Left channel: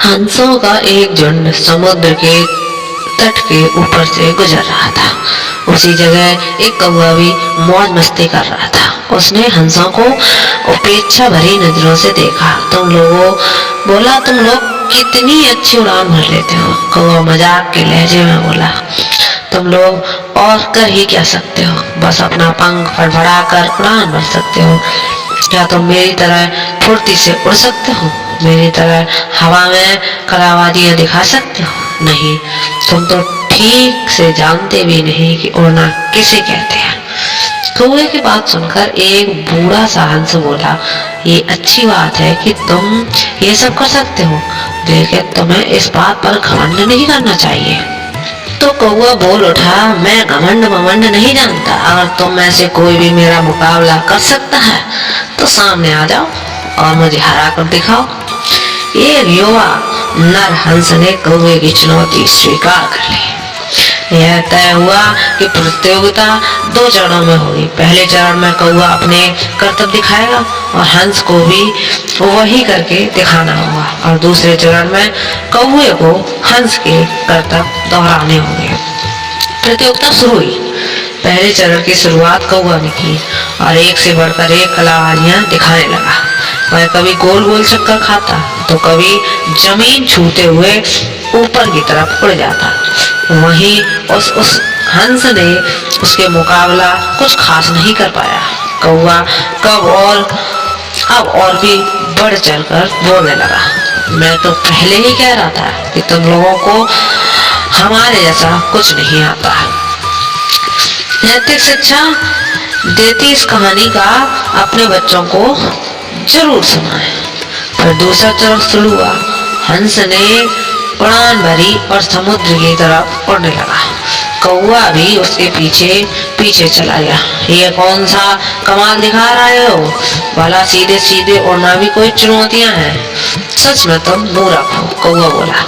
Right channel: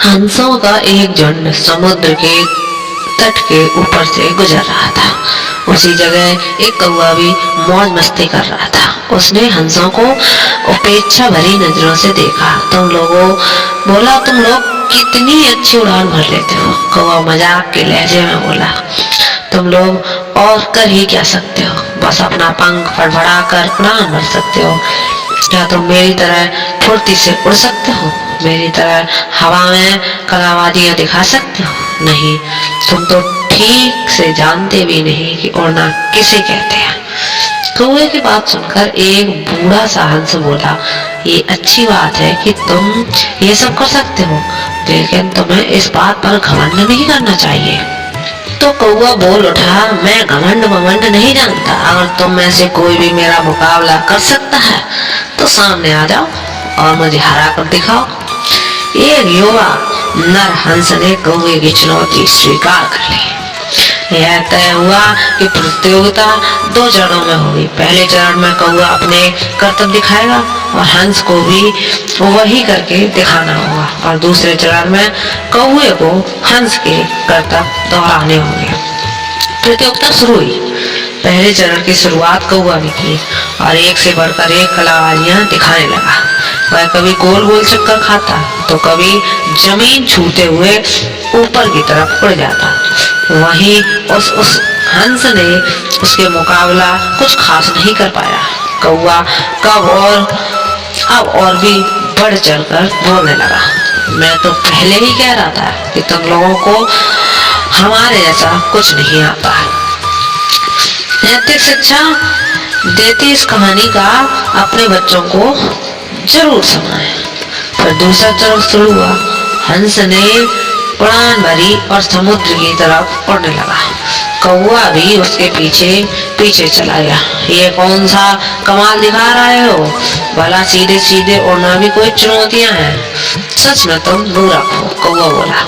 हंसों का एक झुंड समुद्र के तट के ऊपर से गुजर रहा था। उसी जगह एक कौवा भी मौज मस्ती कर रहा था। उसने हंसों को उपेक्षा भरी नजरों से देखा। बोला, तुम लोग कितनी अच्छी उड़ान भर लेते हो। कौवा मजाक के लहजे में बोला, तुम लोग और कर ही क्या सकते हो, बस अपना पंख फड़फड़ा कर उड़ान भर सकते हो। क्या तुम मेरी तरह फुर्ती से उड़ सकते हो, मेरी तरह हवा में कलाबाजियां दिखा सकते हो? नहीं, तुम तो ठीक से जानते भी नहीं कि उड़ना किसे कहते हैं। कौवे की बात सुनकर एक बूढ़ा सा हंस बोला, ये अच्छी बात है कि तुम ये सब कर सकते हो, लेकिन तुम्हें इस बात पर घमंड नहीं करना चाहिए। तो कौवा बोल उठा, मैं घमंड नहीं जानता। अगर तुम में से कोई भी मेरा मुकाबला कर सकता है तो सामने आ जाओ और मुझे हरा कर दिखाओ। एक युवा नर हंस ने कौवे की चुनौती स्वीकार कर ली। यह तय हुआ कि प्रतियोगिता 2 चरणों में होगी। पहले चरण में कौवा अपने करतब दिखाएगा और हंस को भी वही करके दिखाना होगा, और दूसरे चरण में कौवे को हंस के करतब दोहराने होंगे। प्रतियोगिता शुरू हुई। पहले चरण की शुरुआत कौवा ने की और एक से बढ़कर एक कलाबाजियां दिखाने लगा। वह कभी गोल गोल चक्कर खाता तो कभी जमीन छूते हुए ऊपर की तरफ उड़ जाता। वहीं उस हंस ने उसके मुकाबला कुछ खास नहीं कर पाया। कौवा अब और भी बढ़ चढ़कर बोलने लगा, मैं तो पहले ही कह रहा था कि तुम लोगों को हमारे जैसा कुछ नहीं आता। नैतिक शिक्षा देती इस कहानी का अपने बच्चों को जरूर सुनाएं। फिर दूसरा चरण शुरू हुआ। हंस ने उड़ान भरी और समुद्र की तरफ उड़ने लगा। कौवा भी उसके पीछे पीछे चला गया। ये कौन सा कमाल दिखा रहे हो, भला सीधे सीधे उड़ना भी कोई चुनौतियां हैं? सच में तुम मूर्ख हो, कौवा बोला।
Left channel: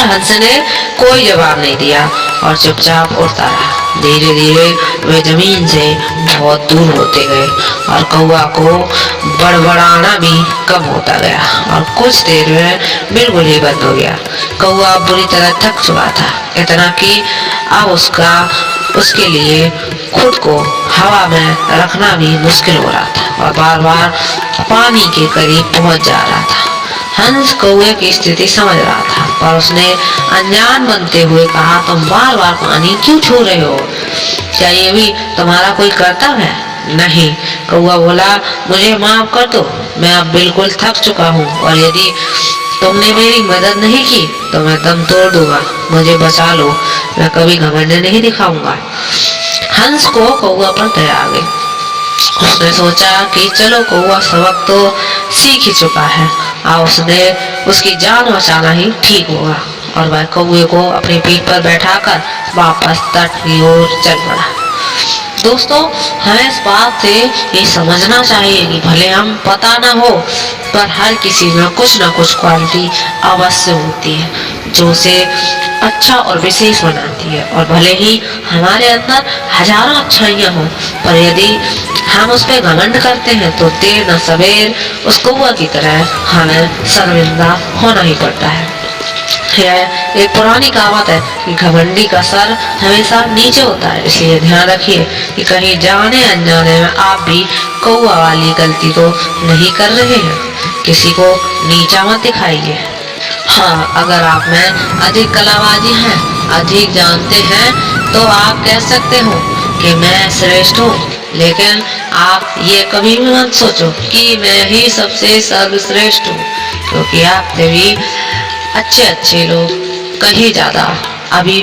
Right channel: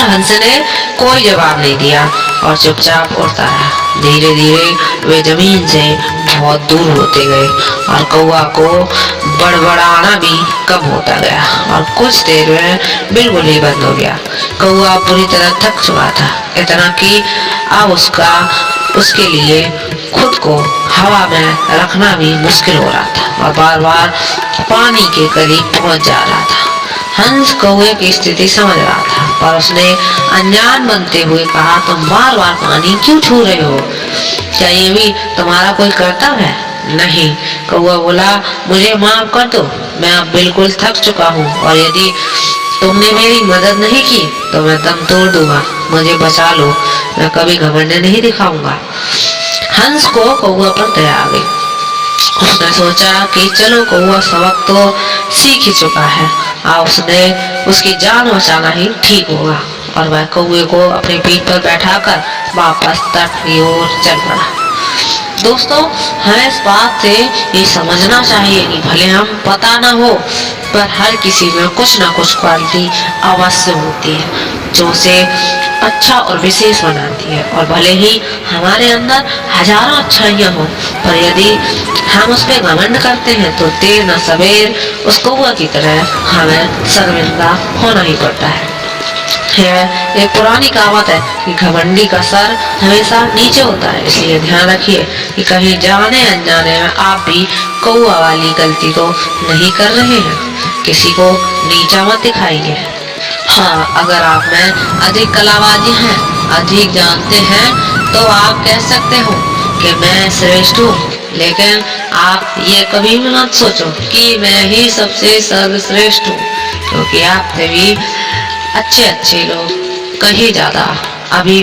हंस ने कोई जवाब नहीं दिया और चुपचाप उड़ता रहा। धीरे धीरे वे जमीन से बहुत दूर होते गए और कौवा को बड़बड़ाना भी कम होता गया और कुछ देर में बिल्कुल ही बंद हो गया। कौवा बुरी तरह थक चुका था, इतना कि अब उसके लिए खुद को हवा में रखना भी मुश्किल हो रहा था और बार बार पानी के करीब पहुंच जा रहा था। हंस कौवे की स्थिति समझ रहा था, पर उसने अनजान बनते हुए कहा, तुम बार बार पानी क्यों छू रहे हो? क्या ये भी तुम्हारा कोई कर्तव्य है? नहीं, कौवा बोला, मुझे माफ कर दो, मैं अब बिल्कुल थक चुका हूँ और यदि तुमने मेरी मदद नहीं की तो मैं दम तोड़ दूंगा। मुझे बचा लो, मैं कभी घमंड नहीं दिखाऊंगा। हंस को कौवा पर दया आ गई। उसने सोचा कि चलो, कौवा सबक तो सीख ही चुका है, उसने उसकी जान बचाना ही ठीक होगा। और वह कौवे को अपनी पीठ पर बैठाकर वापस तट की ओर चल पड़ा। दोस्तों, हमें इस बात से ये समझना चाहिए कि भले हम पता ना हो, पर हर किसी में कुछ ना कुछ क्वालिटी अवश्य होती है जो उसे अच्छा और विशेष बनाती है। और भले ही हमारे अंदर हजारों अच्छाइयाँ हो, पर यदि हम उस पर घमंड करते हैं तो देर न सवेर उस कौवा की तरह हमें शर्मिंदा होना ही पड़ता है। यह एक पुरानी कहावत है कि घमंडी का सर हमेशा नीचे होता है, इसलिए ध्यान रखिए कि कहीं जाने अनजाने में आप भी कौवा वाली गलती तो नहीं कर रहे हैं। किसी को नीचा मत दिखाइए। हाँ, अगर आप में अधिक कलाबाजी है, अधिक जानते हैं, तो आप कह सकते हो कि मैं श्रेष्ठ हूँ, लेकिन आप ये कभी भी मत सोचो कि मैं ही सबसे सर्वश्रेष्ठ हूँ, क्योंकि आपसे भी अच्छे लोग कहीं ज्यादा अभी